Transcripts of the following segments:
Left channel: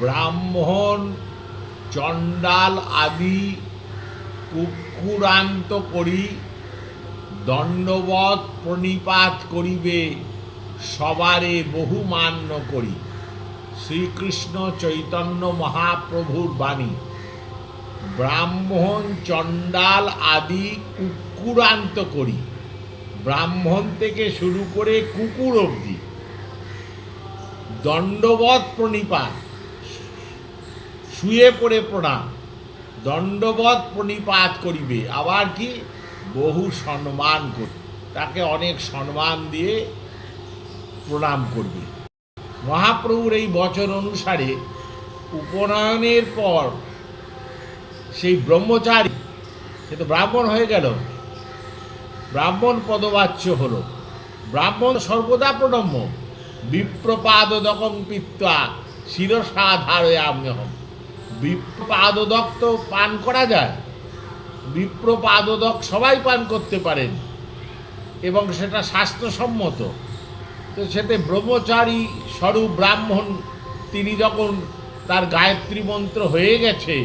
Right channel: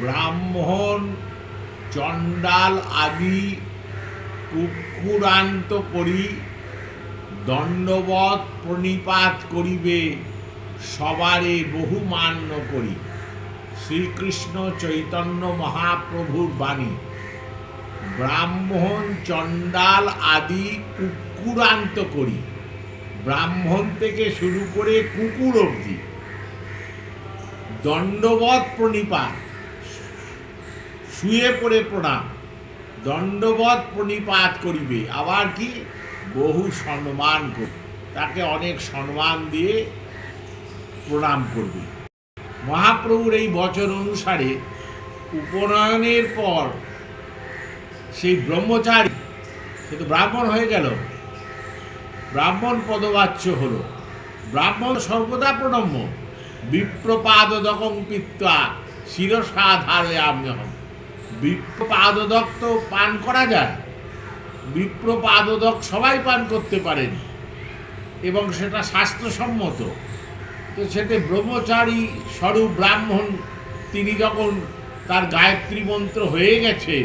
ব্রাহ্মণ চণ্ডাল আদি কুক্ষুরান্ত করি দণ্ডবৎ প্রণিপাত করিবে সবারে বহুমান্য করি। শ্রীকৃষ্ণ চৈতন্য মহাপ্রভুর বাণী। ব্রাহ্মণ চণ্ডাল আদি কুক্ষুরান্ত করি, ব্রাহ্মণ থেকে শুরু করে কুকুর অবধি দণ্ডবৎ প্রণিপাত, শুয়ে পড়ে প্রণাম, দণ্ডবৎ প্রণিপাত করিবে, আবার কি বহু সম্মান করবে, তাকে অনেক সম্মান দিয়ে প্রণাম করবে। মহাপ্রভুর এই বচন অনুসারে উপনয়নের পর সেই ব্রহ্মচারী কিন্তু ব্রাহ্মণ হয়ে গেল, ব্রাহ্মণ পদবাচ্য হল। ব্রাহ্মণ সর্বদা প্রণম্য। বিপ্রপাদকং পিত্বা শিরসা ধারয়াম্যহম। বিপ্রপাদক তো পান করা যায়, বিপ্রপাদক সবাই পান করতে পারেন এবং সেটা শাস্ত্রসম্মত। তো সেতে ব্রহ্মচারী স্বরূপ ব্রাহ্মণ তিনি যখন তার গায়ত্রী মন্ত্র হয়ে গেছে,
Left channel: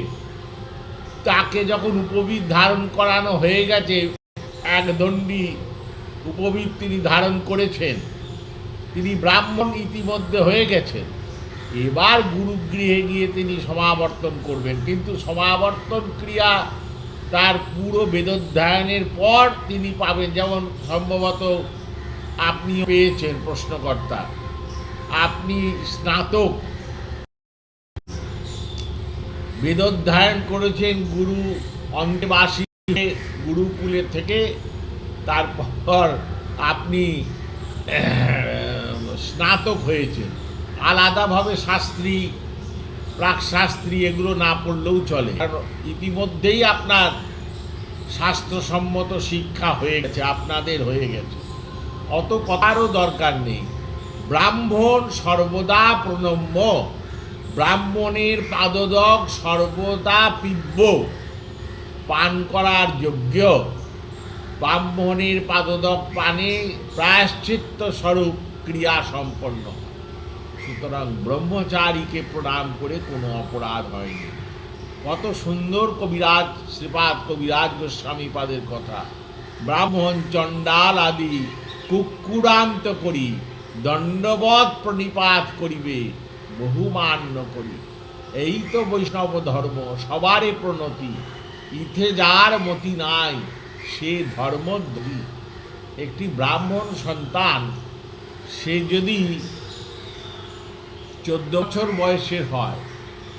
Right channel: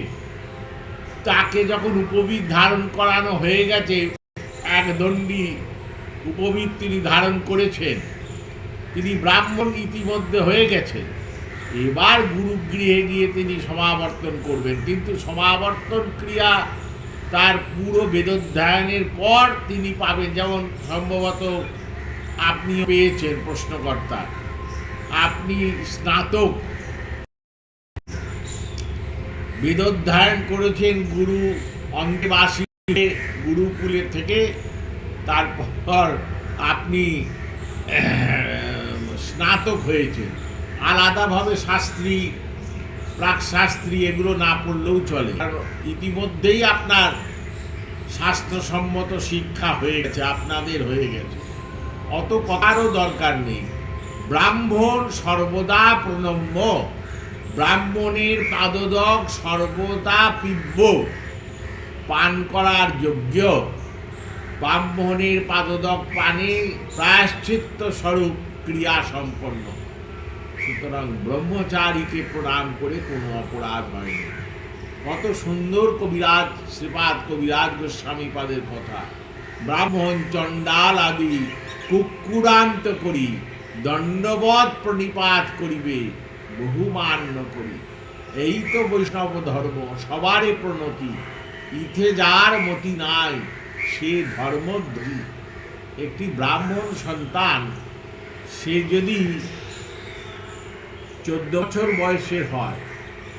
তাকে যখন উপবীত ধারণ করানো হয়ে গেছে, এক দণ্ডী উপবীত তিনি ধারণ করেছেন, তিনি ব্রাহ্মণ ইতিমধ্যে হয়ে গেছেন। এবার গুরুগৃহে গিয়ে তিনি সমাবর্তন করবেন, কিন্তু সমাবর্তন ক্রিয়া তার পুরো বেদোধ্যায়নের পর তিনি পাবেন। যেমন সম্ভবত আপনি পেয়েছেন, প্রশ্নকর্তা, আপনি স্নাতক বেদোধ্যায়ন করেছেন গুরু অন্তেবাসী গুরুকুলে থেকে, তারপর আপনি স্নাতক হয়েছেন। আলাদাভাবে শাস্ত্রী প্রাকশাস্ত্রী এগুলো না পড়লেও চলে, কারণ ইতিমধ্যেই আপনার শাস্ত্রসম্মত শিক্ষা হয়ে গেছে, আপনাদের হয়ে গেছে, অত কথারও দরকার নেই। ব্রাহ্মণ সর্বদা প্রণম্য, ব্রাহ্মণের পাদদক সর্বদা পিব্য, পান করার যোগ্য। ব্রাহ্মণের পাদদক পানে প্রায়শ্চিত্ত স্বরূপ ক্রিয়া সম্পন্ন। সুতরাং ব্রহ্মচারীকে প্রণাম করে কোনো অপরাধ হয়নি। কত সুন্দর কবিরাজ শ্রীপাদ কবিরাজ গোস্বামী পাদের কথা। ব্রাহ্মণ চণ্ডাল আদি কুক্ষুরান্ত করি দণ্ডবৎ প্রণিপাত করিবে বহুমান্য করি। এই তো বৈষ্ণব ধর্ম, সবারে প্রণতি, ইথে যার মতি নাই সে ধর্মদ্রোহী। একটি ব্রাহ্মণ সন্তান সে যদি 14 বছর বয়সের হয়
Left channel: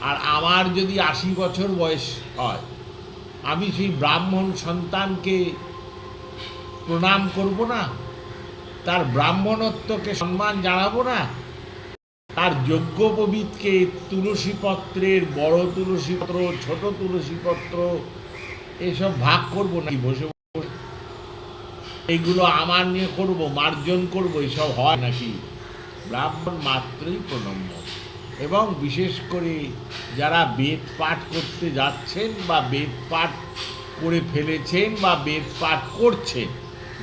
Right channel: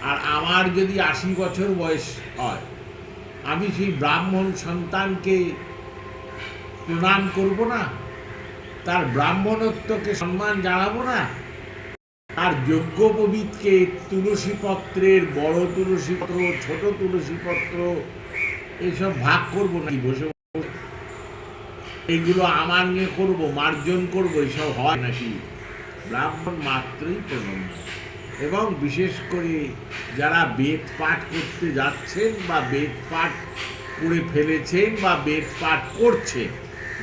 আর আমার যদি 80 বছর বয়স হয়, আমি সেই ব্রাহ্মণ সন্তানকে প্রণাম করব না? তার ব্রাহ্মণত্বকে সম্মান জানাবো না? তার যজ্ঞোপবীতকে তুলসী পত্রের বড় তুলসী পত্র, ছোট তুলসী পত্র এসব ভাগ করবো নাকি বসে বসে? এইগুলো আমার নিয়ে করবো, মার্জন করবো, এসব হয় নাকি? ব্রাহ্মণ মাত্রই প্রণম্য। এবং বিশেষ করে যারা বেদ পাঠ করতে যাচ্ছেন বা বেদ পাঠ করে ফেলেছেন বা বেদ পাঠ করছেন,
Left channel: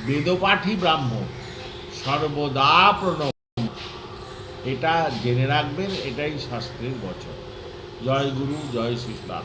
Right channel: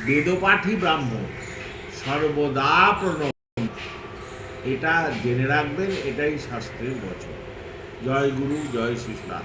বেদপাঠী ব্রাহ্মণ সর্বদা প্রণম্য। এটা জেনে রাখবেন, এটাই শাস্ত্রের বচন। জয় গুরু, জয় শ্রীরাম।